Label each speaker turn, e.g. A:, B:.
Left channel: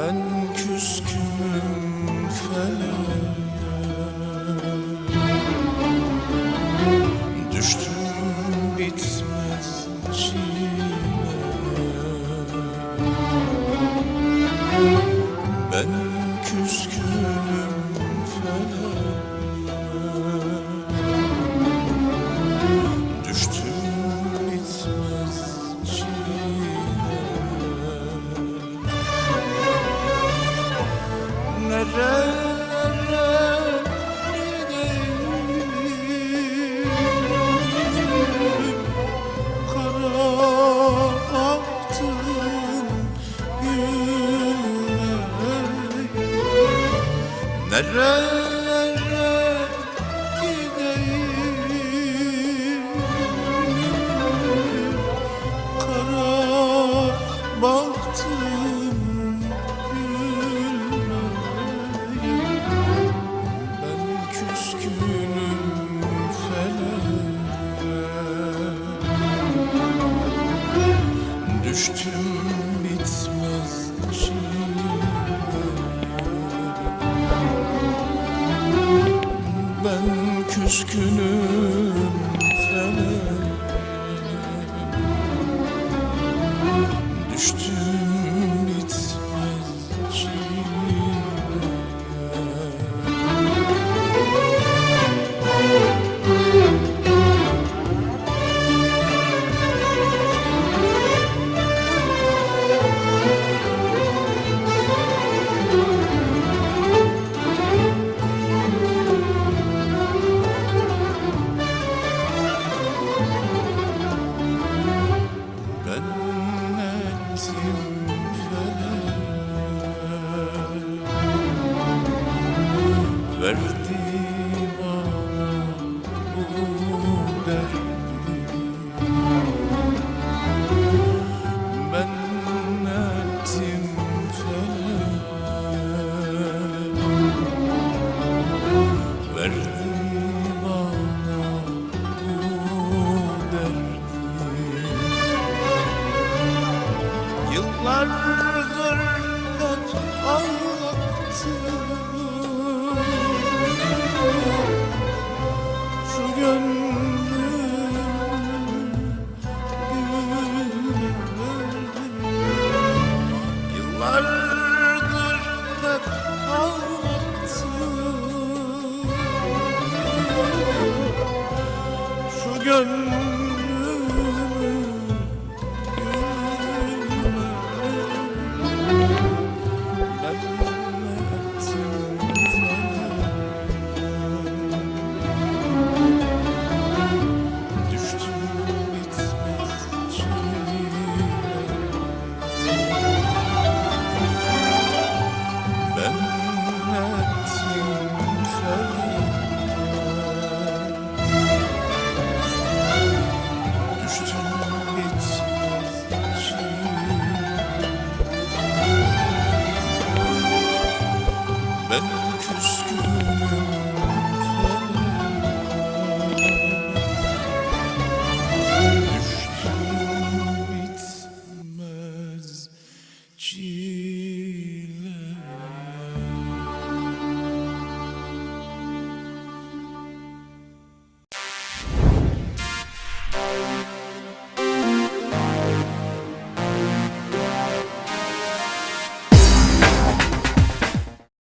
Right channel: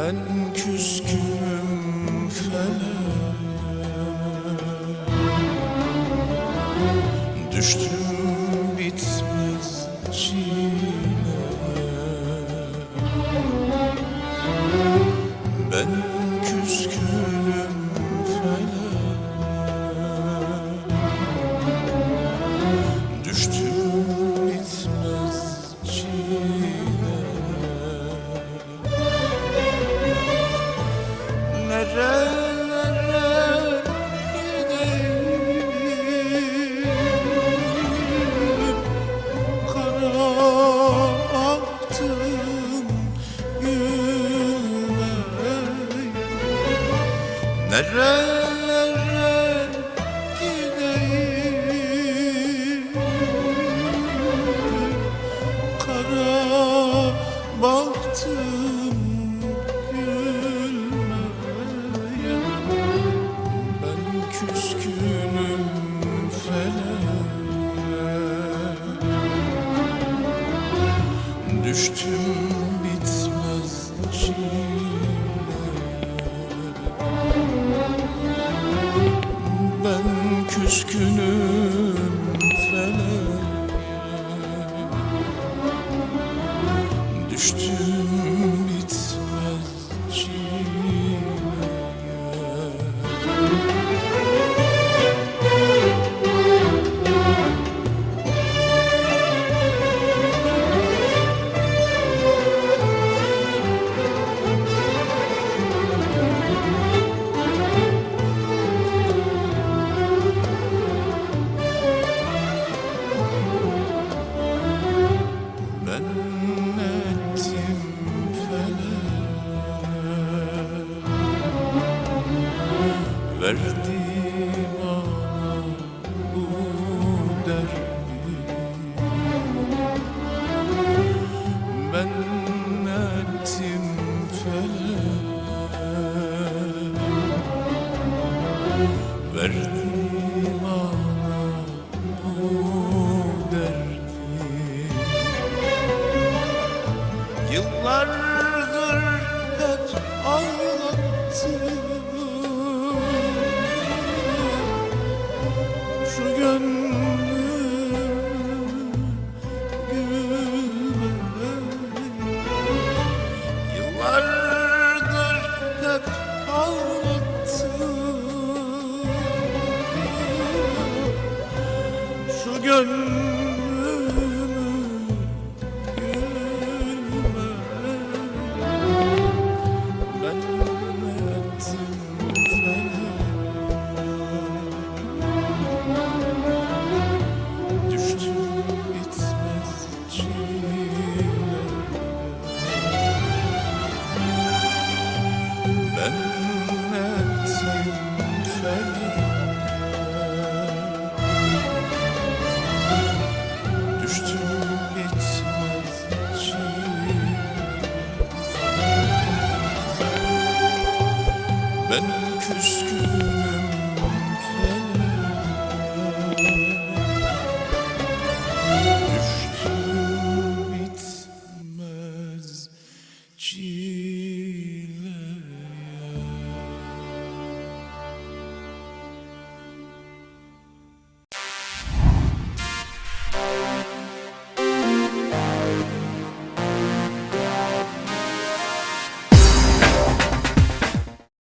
A: Ben küskünüm feleğe Düştüm bitmez çileye Ben Nerelere gideyim? Kara aktım gülmeye Nerelere Ben küskünüm feleğe Düştüm Verdi bana bu derdi. Ben ettim feleğe Verdi bana bu derdi. Yıllardır gün Ben küskünüm